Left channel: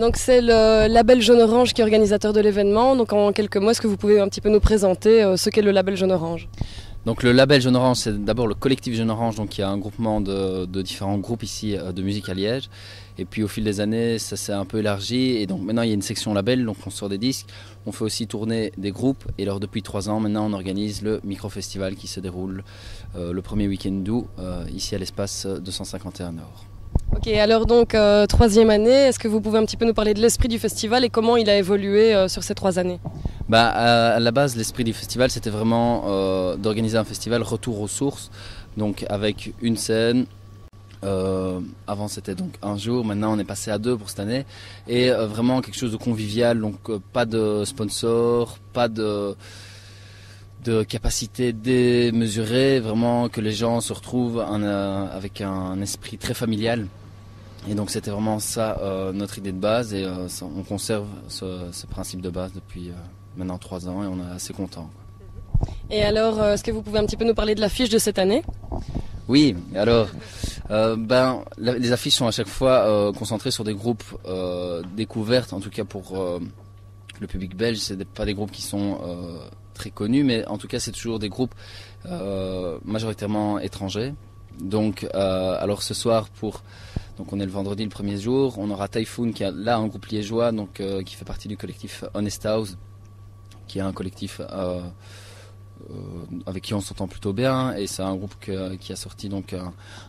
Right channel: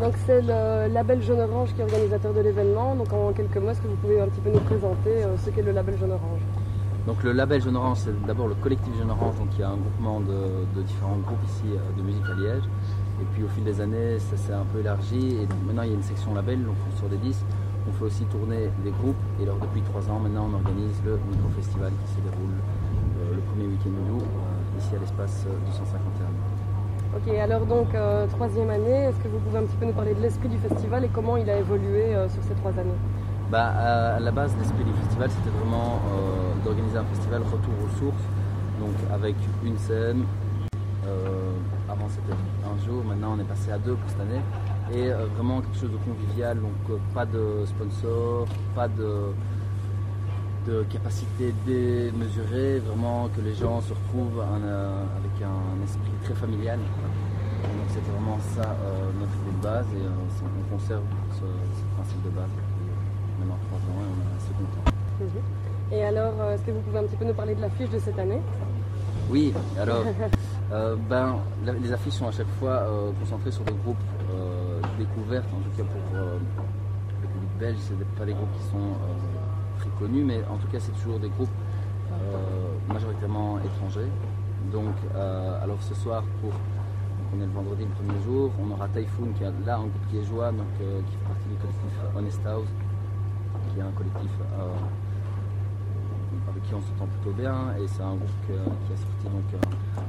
Donc c'est le label Jaune Orange qui est organisateur de l'événement. Donc en quelques mots, est-ce que vous pouvez un petit peu nous présenter ce qu'est le label Jaune Orange? Donc le label Jaune Orange, c'est d'abord le collectif Jaune Orange, donc il y a un groupement de différents groupes ici de musique à Liège. Et puis au fil des années, ça s'est un peu élargi et donc maintenant il y a une section label, donc on sort des disques, on fait aussi tourner des groupes et alors depuis 3 ans maintenant on organise le micro-festival qui se déroule le premier week-end d'août ici à l'espace 251 Nord. Ok, alors donc 3e année, est-ce que vous pouvez un petit peu nous parler de l'esprit du festival et comment il a évolué sur ces 3 années? À la base, l'esprit du festival c'était vraiment d'organiser un festival retour aux sources, donc avec une scène. Avant c'était donc un jour, maintenant on est passé à 2 pour cette année et vraiment quelque chose de convivial, donc pas de sponsors, pas de capacité démesurée, vraiment que les gens se retrouvent avec un esprit très familial et donc c'était vraiment ça notre idée de base et on conserve ce principe de base depuis maintenant 3 ans et on est assez content. Et alors est-ce que vous pouvez un petit peu nous parler de l'affiche de cette année? Oui, alors les affiches sont à chaque fois concentrées sur des groupes découvertes, en tout cas pour le public belge, c'est pas des groupes qui sont très connus, mais en tout cas c'est toujours des groupes majoritairement étrangers. Donc alors ce soir, donc on est le vendredi le premier jour, on aura Typhoon qui est là un groupe liégeois donc, qui fait partie du collectif Honest House, qui est un collectif avec qui on s'entend plutôt bien et c'est un groupe qui a sorti donc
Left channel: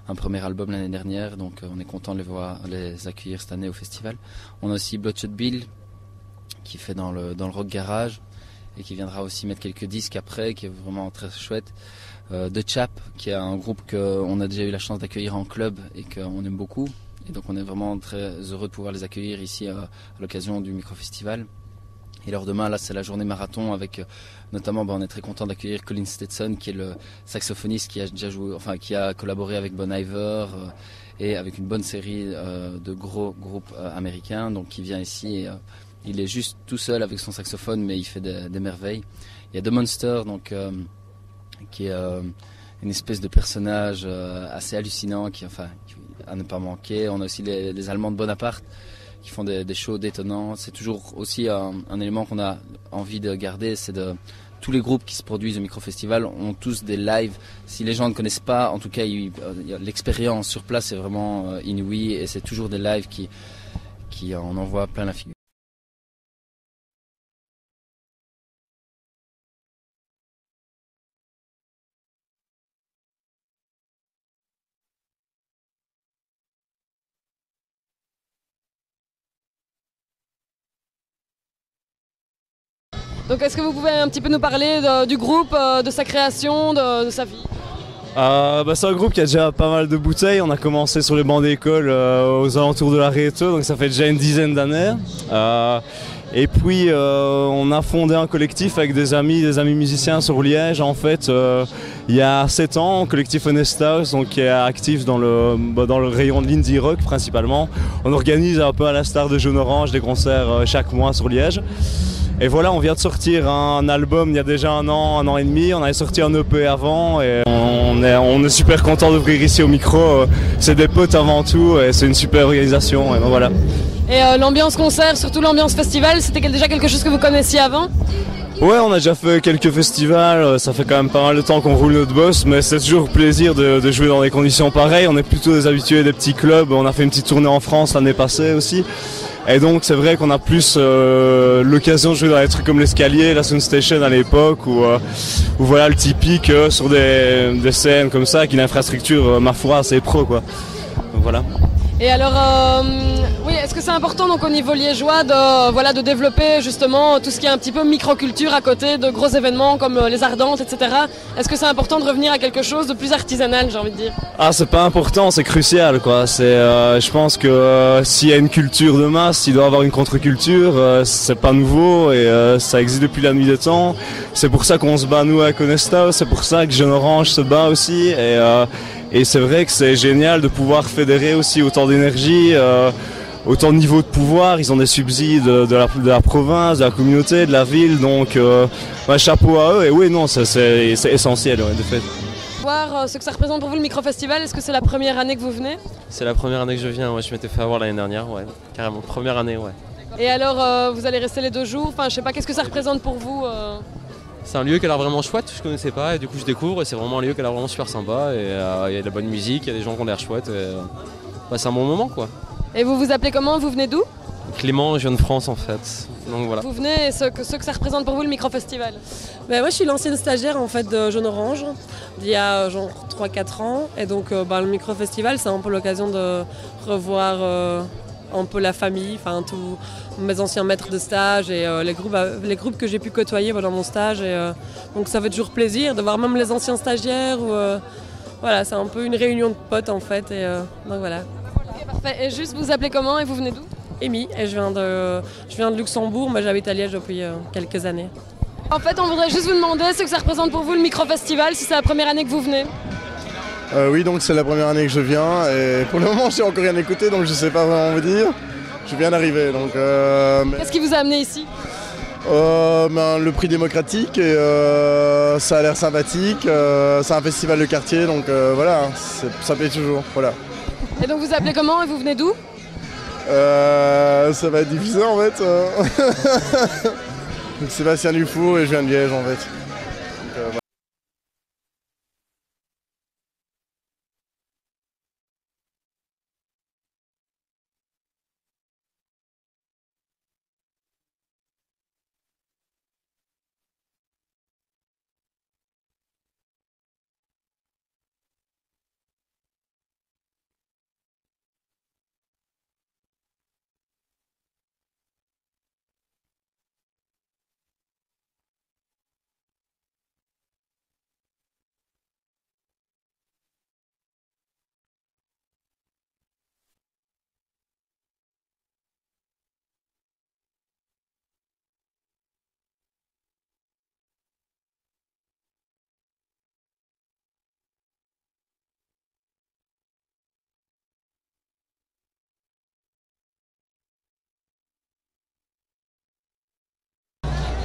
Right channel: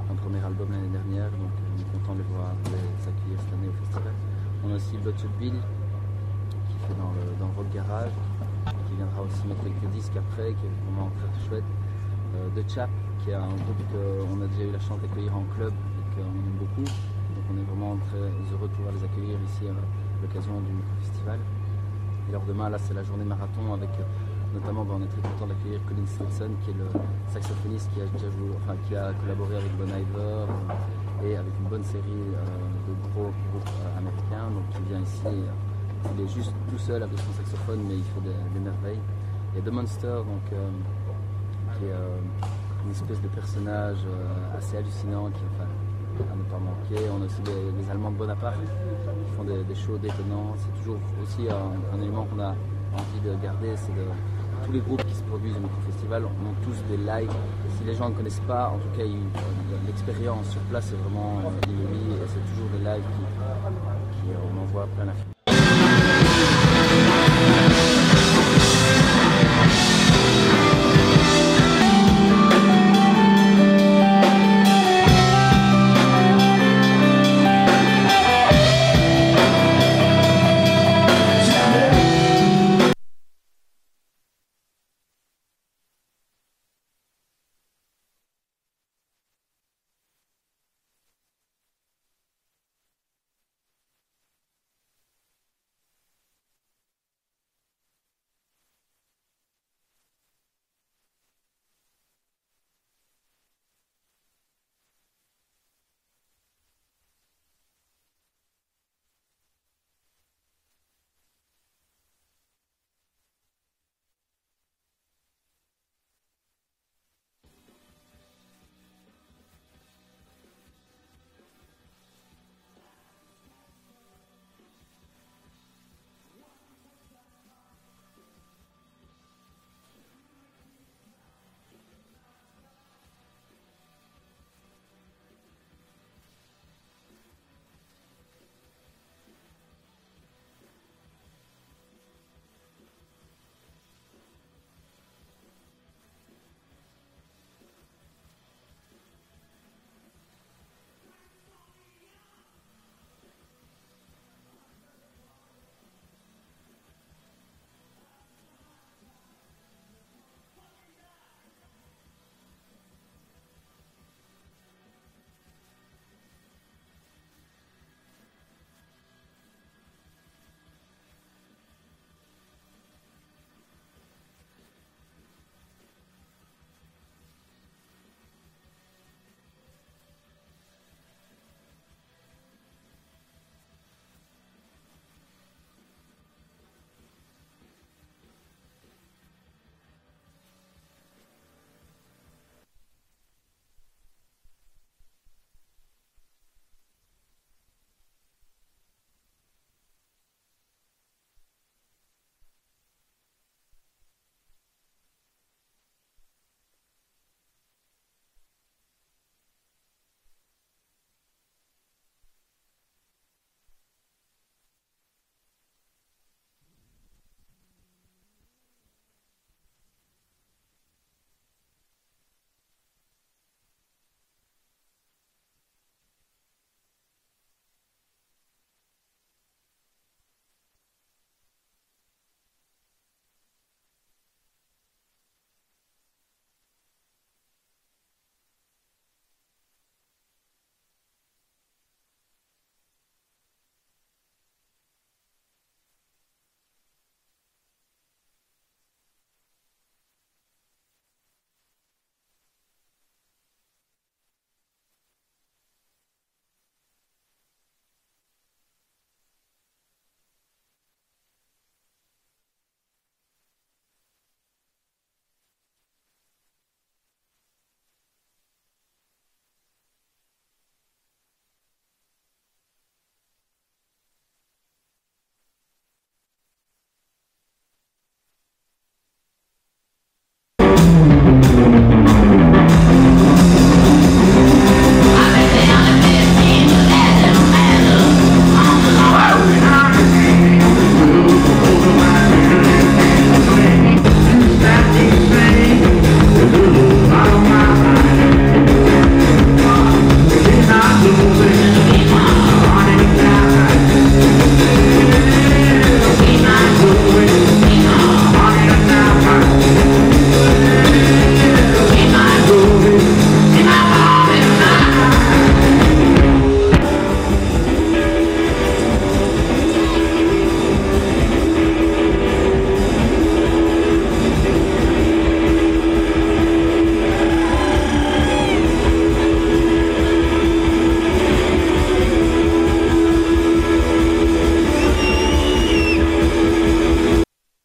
un premier album l'année dernière, donc on est content de les accueillir cette année au festival. On a aussi Bloodshot Bill qui fait dans le rock garage et qui viendra aussi mettre quelques disques après, qui est vraiment très chouette. The Chap qui est un groupe qu'on a déjà eu la chance d'accueillir en club et qu'on aime beaucoup et donc on est vraiment très heureux de pouvoir les accueillir ici à l'occasion du micro-festival. Et alors demain, là, c'est la journée marathon avec notamment, on est très content d'accueillir Colin Stetson qui est le saxophoniste qui a déjà joué, enfin qui a collaboré avec Bon Iver et avec une bonne série de gros groupes américains. Donc il vient ici, et, il est juste tout seul avec son saxophone, mais il fait des merveilles. Il y a The Monster, donc qui est une espèce de personnage assez hallucinant, qui à ne pas manquer. On a aussi les Allemands de Bonaparte qui font des shows détonnants. C'est toujours aussi un élément qu'on a envie de garder, c'est tous les groupes qui se produisent au micro-festival ont tous des lives. Si les gens ne connaissent pas, en tout cas, l'expérience sur place est vraiment inouïe et c'est toujours des lives qui en envoient plein la figure. Donc est-ce que vous pouvez un petit peu nous parler du groupe, de sa création, de sa vie? C'est un groupe qui a déjà pas mal de bouteilles. On a commencé sur les bancs d'école aux alentours de la Réto, donc ça fait déjà une dizaine d'années. Et puis on a fondé un collectif avec des amis musiciens sur Liège en fait il y a 7 ans, un collectif Honest House, donc qui est actif dans le rayon de l'indie rock principalement. On organise un peu à l'instar de Jaune Orange des concerts chaque mois sur Liège. Et voilà, on vient de sortir un album il y a déjà un an et demi. On avait sorti un EP avant et on est super content d'ouvrir ici au micro. C'est des potes avant tout et c'est une super organisation. Et ben voilà. Et l'ambiance concert, surtout l'ambiance festival, c'était déjà quelque chose que vous connaissiez avant? Ouais, on a déjà fait quelques festivals, ça fait quand même pas mal de temps qu'on roule notre boss, mais c'est toujours plaisir de jouer dans des conditions pareilles. On est plutôt des habitués des petits clubs, on a fait une petite tournée en France l'année passée aussi. Et donc c'est vrai qu'on a plus l'occasion de jouer dans des trucs comme l'Escalier, la Soundstation à l'époque, ou voilà le typique sur des scènes comme ça, avec une infrastructure ma foi assez pro quoi. Donc voilà. Et alors, oui, est-ce que c'est important donc au niveau liégeois de développer justement tout ce qui est un petit peu microculture à côté de gros événements comme les Ardentes, etc. Est-ce que c'est important de revenir à quelque chose de plus artisanal, j'ai envie de dire? Ah, c'est pas important, c'est crucial quoi. Je pense que s'il y a une culture de masse, il doit y avoir une contre-culture. C'est pas nouveau et ça existe depuis la nuit des temps. C'est pour ça qu'on se bat nous avec Honest House, c'est pour ça que Jaune Orange se bat aussi. Et c'est vrai que c'est génial de pouvoir fédérer aussi autant d'énergie, autant de niveaux de pouvoir. Ils ont des subsides de la province, de la communauté, de la ville. Donc chapeau à eux. Et oui, non, c'est essentiel ouais, de fait. savoir ce que ça représente pour vous le micro-festival. Est-ce que c'est la première année que vous venez? C'est la première année que je viens, ouais, je m'étais fait avoir l'année dernière, ouais, carrément, première année, ouais. Et alors, vous allez rester les 2 jours, enfin je sais pas, qu'est-ce que ça représente pour vous C'est un lieu qui a l'air vraiment chouette, je connaissais pas, et du coup je découvre, et c'est vraiment un lieu qui a l'air vraiment super sympa, et il y a de la bonne musique, il y a des gens qui ont l'air chouettes, et c'est un bon moment quoi. Et vous vous appelez comment? Vous venez d'où? Clément, je viens de France en fait, donc voilà. Vous venez, et ce que ça représente pour vous le micro-festival? Ben moi je suis l'ancienne stagiaire en fait de Jaune Orange d'il y a genre 3-4 ans et donc le micro-festival c'est un peu l'occasion de revoir un peu la famille, enfin tous mes anciens maîtres de stage et les groupes que j'ai pu côtoyer pendant mon stage et donc ça fait toujours plaisir de voir même les anciens stagiaires ou voilà, c'est un peu une réunion de potes en fait et donc voilà. Okay, parfait. Et juste vous appelez comment et vous venez d'où? Amy et je viens de Luxembourg, mais j'habite à Liège depuis quelques années. En fait, on voudrait juste vous demander ce que ça représente pour vous le micro-festival, si c'est la première année que vous venez. Oui, donc c'est la première année que je viens et pour le moment je n'ai encore rien écouté donc je ne sais pas vraiment vous dire. Je viens d'arriver donc... Qu'est-ce qui vous a amené ici? Le prix démocratique et ça a l'air sympathique, c'est un festival de quartier donc voilà, ça plaît toujours, voilà. Et donc vous appelez comment et vous venez d'où? Ça va être difficile en fait. Donc Sébastien Dufour et je viens de Liège en fait. Donc, voilà.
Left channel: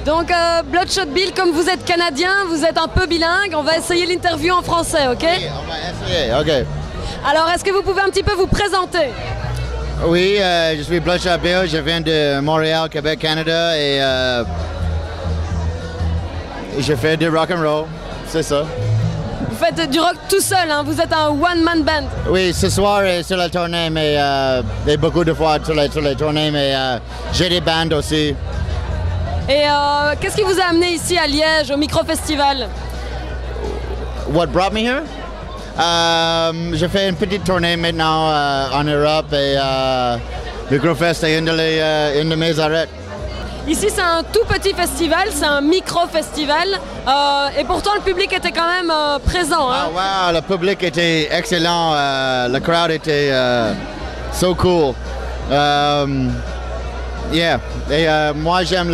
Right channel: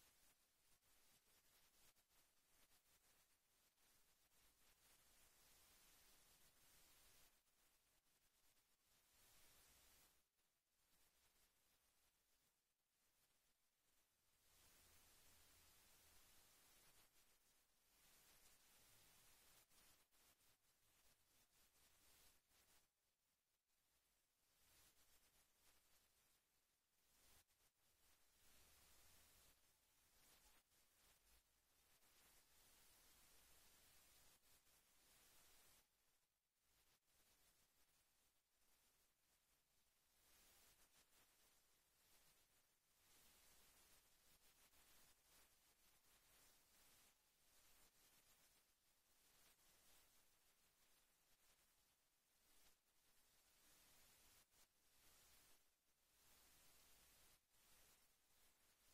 Donc Bloodshot Bill, comme vous êtes canadien, vous êtes un peu bilingue, on va essayer l'interview en français, ok? Oui, on va essayer, ok. Alors est-ce que vous pouvez un petit peu vous présenter? Oui, je suis Bloodshot Bill, je viens de Montréal, Québec, Canada et je fais du rock and roll, c'est ça. Vous faites du rock tout seul, hein? Vous êtes un one-man band. Oui, ce soir et sur la tournée, mais et beaucoup de fois sur les tournées, mais j'ai des bandes aussi. Et qu'est-ce qui vous a amené ici à Liège, au micro-festival? What brought me here? Je fais une petite tournée maintenant en Europe et Microfest est une de mes arrêts. Ici, c'est un tout petit festival, c'est un micro-festival. Et pourtant, le public était quand même présent. Hein? Ah, wow, le public était excellent. Le crowd était so cool. Yeah. Et moi, j'aime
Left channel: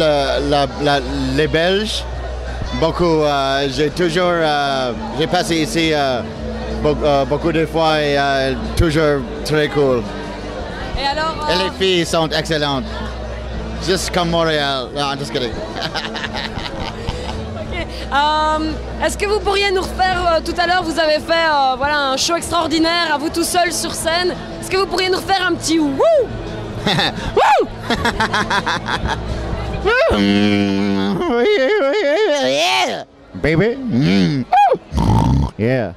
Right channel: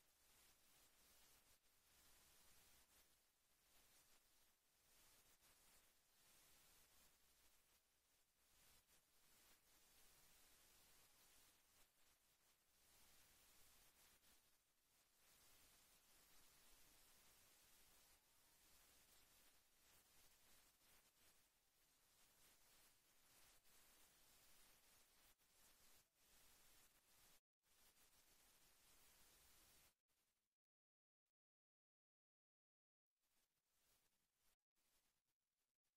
les Belges beaucoup. J'ai passé ici beaucoup de fois et toujours très cool. Et alors, Et les filles sont excellentes. Juste comme Montréal. Non, just kidding. okay. Est-ce que vous pourriez nous refaire, tout à l'heure, vous avez fait voilà, un show extraordinaire à vous tout seul sur scène. Est-ce que vous pourriez nous refaire un petit wouh? Woo! Yeah, baby. Yeah.